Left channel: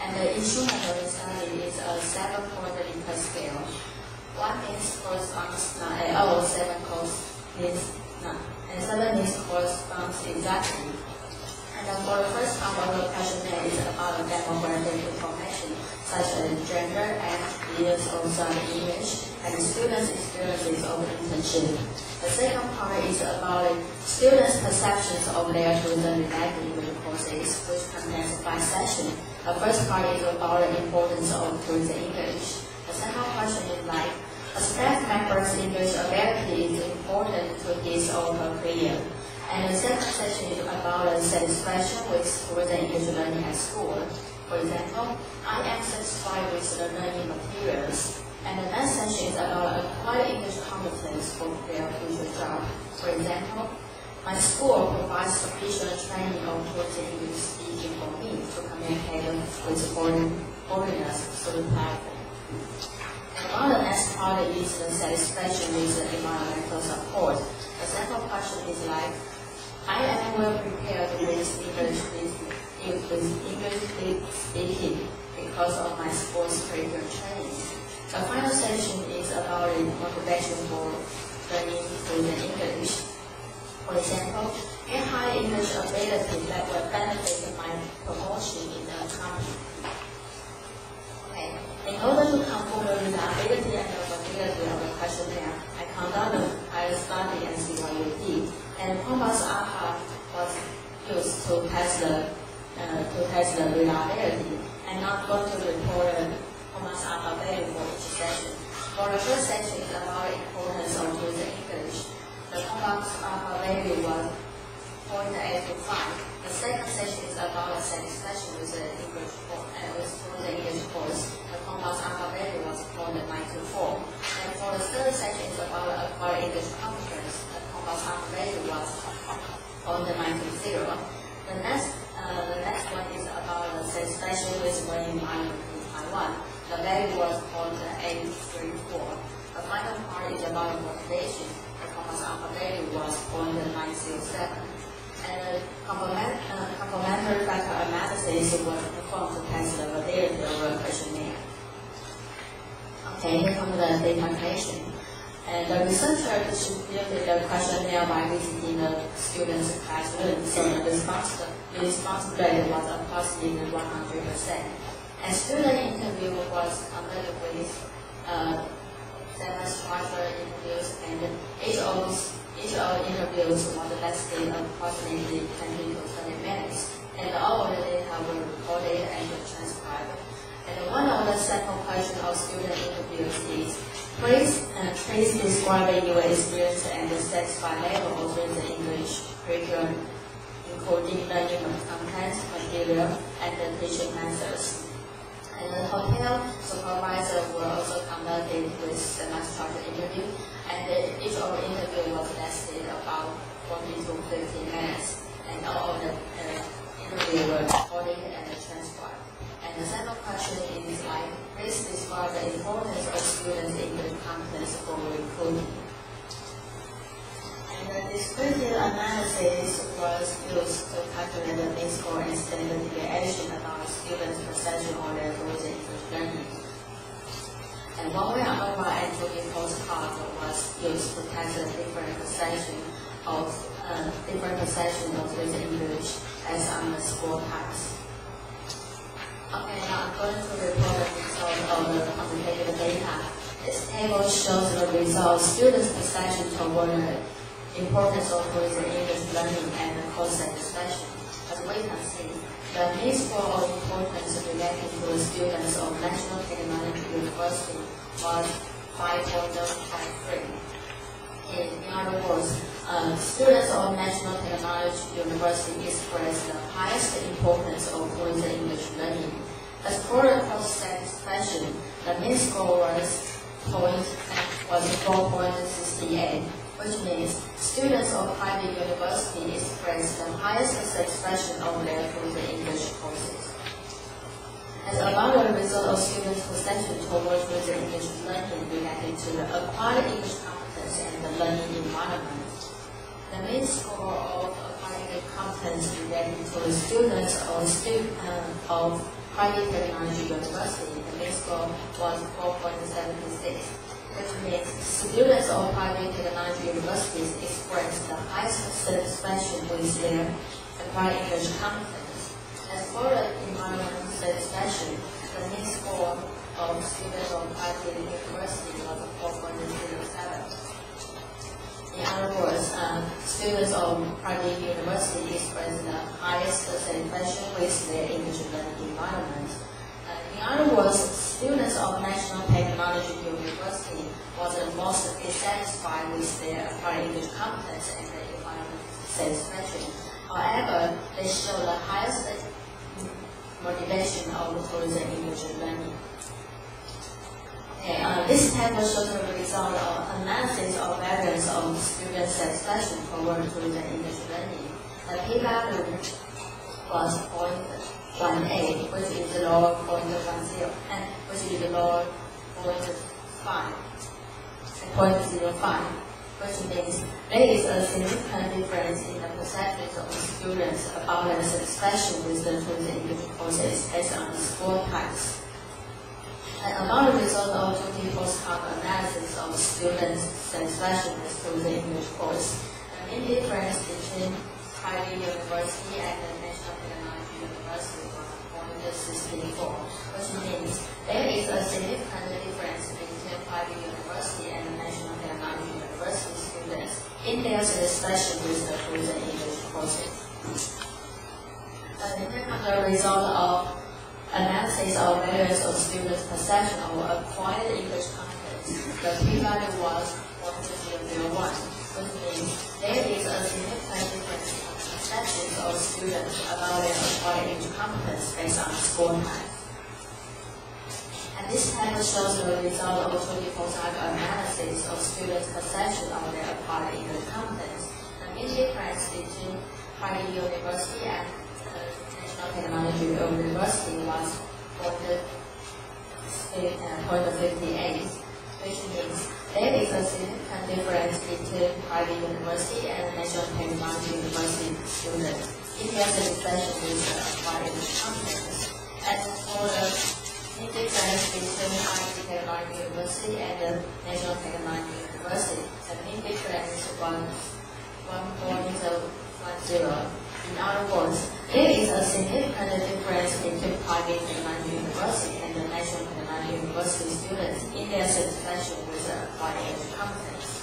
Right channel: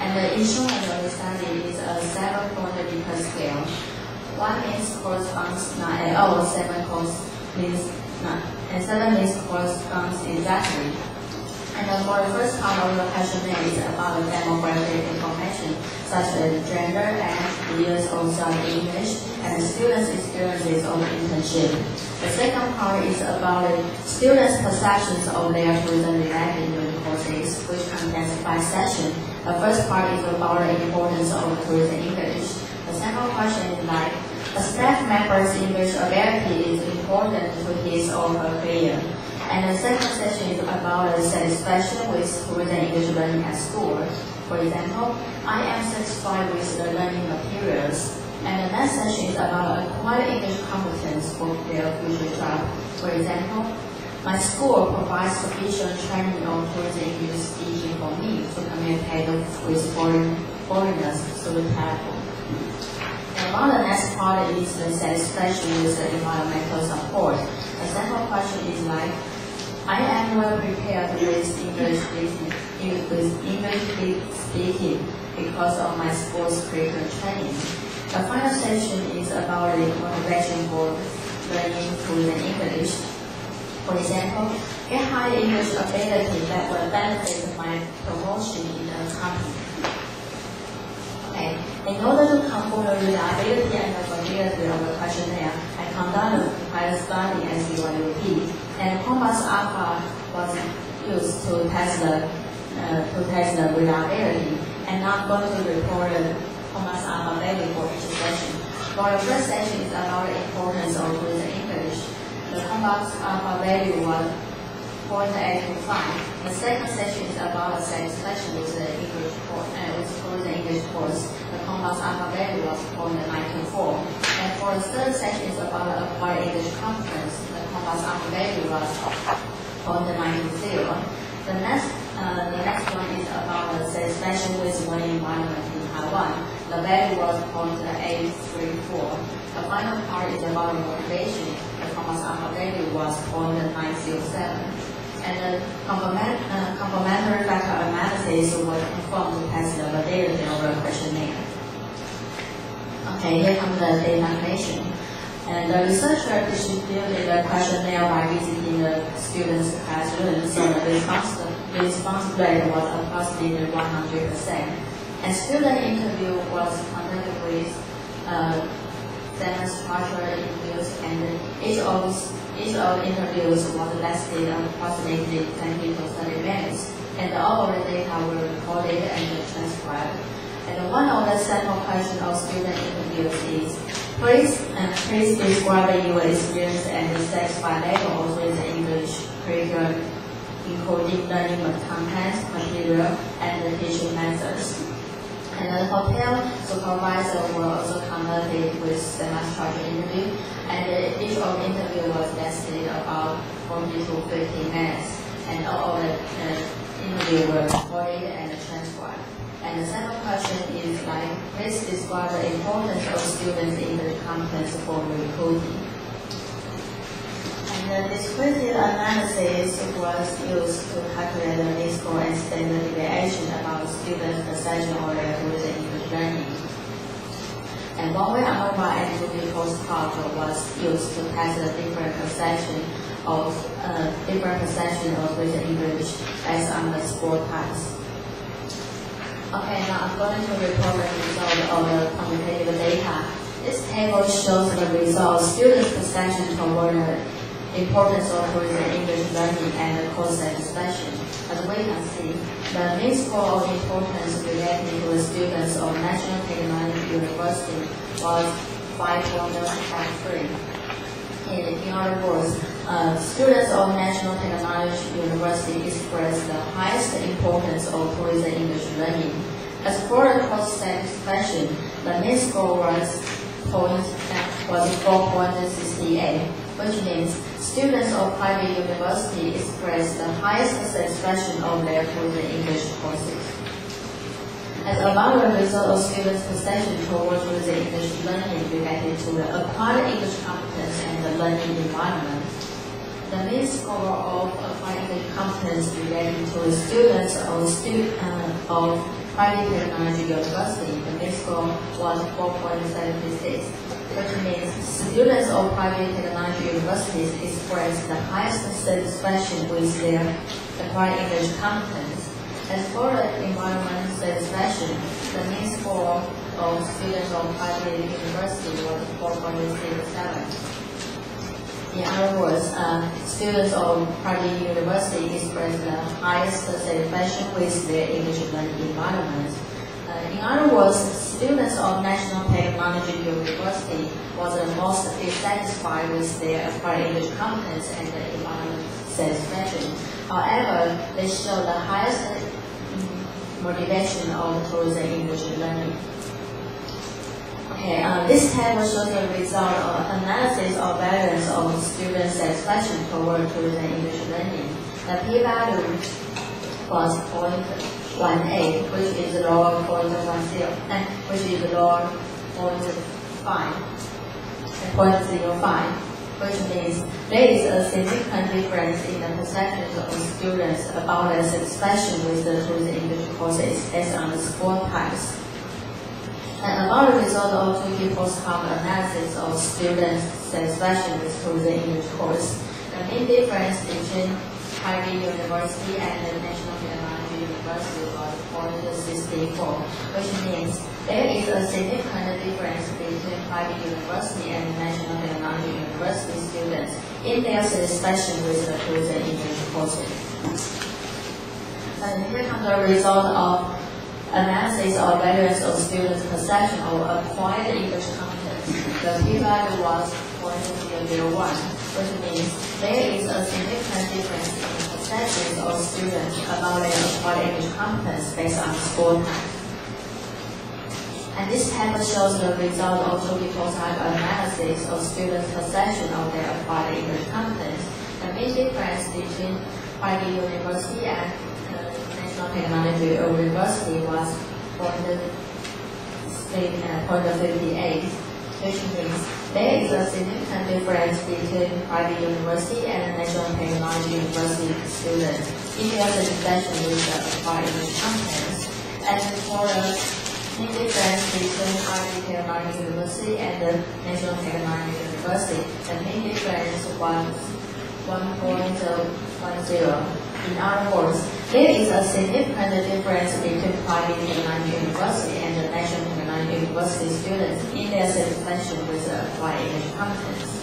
And the instrument of the study is a 7-point Likert scale. 1 means corresponds not at all, 7 means not, and 7 means corresponds exactly. And for the first part of the questionnaire is about demographic information such as gender, age, years of study English, and students' experiences of internship. The second part is about students' perceptions of their tourism-related courses, which contains 5 sessions. The first part is about the importance of tourism English. The second question is like, a staff member's English ability is important to his or her career. And the second session is about the satisfaction with tourism English learning at school. For example, I am satisfied with the learning materials. And the next session is about acquired English competence for their future job. For example, my school provides sufficient training on tourism English speaking for me to communicate with foreigners through the platform. And while the next part is the satisfaction with the environmental support. The second question is like, I am well prepared with English speaking because of my school's curriculum training. The final session is about the motivation for learning tourism English. For example, get high English ability that will benefit my promotion in the company. Okay. In order to confirm the reliability and the validity of the questionnaire, I conducted a pilot study at CYUP, and Compass Alpha was used to test the reliability. And I'm going to report the Compass Alpha value for each session. For the first session is about the importance of tourism English. The Compass Alpha value was 0.825. The second session is about the satisfaction with the English course, with tourism English course. The Compass Alpha value was 0.924. And for the third session is about the acquired English competence. The Compass Alpha value was 0.920. The next one is about the satisfaction with learning environment in Taiwan. The value was 0.834. The final part is about motivation. The Compass Alpha value was 0.907. And the complementary factor analysis was performed to test the validity of the questionnaire. Okay, here comes the data collection. And the researcher distributed the questionnaire by visiting the students' classroom, so the response rate was approximately 100%. And student interview was conducted with semi-structured interviews, and each of the interviews was lasted approximately 20 to 30 minutes, and all of the data were recorded and transcribed. And one of the sample questions of student interviews is, please describe your experience and satisfied level of the English curriculum, including learning content, material, and the teaching methods. And the hotel supervisor were also conducted with semi-structured interview, and each of the interview was lasted about 40 to 50 minutes, and all of the interview were recorded and transcribed. And the second question is like, please describe the importance of students in the competence for recruiting. And the descriptive analysis was used to calculate the mean score and standard deviation about students' perception of their tourism English learning. And one-way ANOVA and 2D postcard was used to test the different perception of tourism English based on the score types. Okay, now I'm going to report the result of the quantitative data. This table shows the results, students' perception toward the importance of tourism English learning and the course satisfaction. As we can see, the mean score of importance related to the students of National Technology University was 5.53. In other words, students of National Technology University expressed the highest importance of tourism English learning. As for the course satisfaction, the mean score was 4.68, which means students of private university expressed the highest satisfaction of their tourism English courses. As about the result of students' perception towards tourism English learning related to the acquired English competence and the learning environment, the mean score of acquired English competence related to the students of private technology university, the mean score was 4.76, which means students of private technology universities experience the highest satisfaction with their acquired English competence. As for the environment satisfaction, the mean score of students of private university was 4.07. In other words, students of private university experience the highest satisfaction with their English learning environment. In other words, students of National Technology University was the most dissatisfied with their acquired English competence and the environment satisfaction. However, they show the highest motivation towards the English learning. Okay, this table shows the result of analysis of variance of student satisfaction toward the English learning. The p-value was 0.18, which is lower 0.10, and which is lower 0.05, which means there is a significant difference in the perceptions of students about their satisfaction with the English courses based on the score types. And about the result of 2K post-hoc analysis of students' satisfaction with the English course, the main difference between private university and the National Technology University was 0.64, which means there is a significant difference between private university and the National Technology University students in their satisfaction with the English courses. And here comes the result of analysis of variance of students' perception of acquired English competence. The p-value was 0.001, which means there is a significant difference in the perceptions of students about their acquired English competence based on score type. And this table shows the result of 2K post-hoc analysis of students' perception of their acquired English competence. The main difference between private university and Technology University was 0.58, which means there is a significant difference between private university and National Technology University students in their satisfaction with the acquired English competence. And for the main difference between private technology university and the National Technology University, the main difference was 1.10. In other words, there is a significant difference between private technology university and the National Technology University students in their satisfaction with the acquired English competence.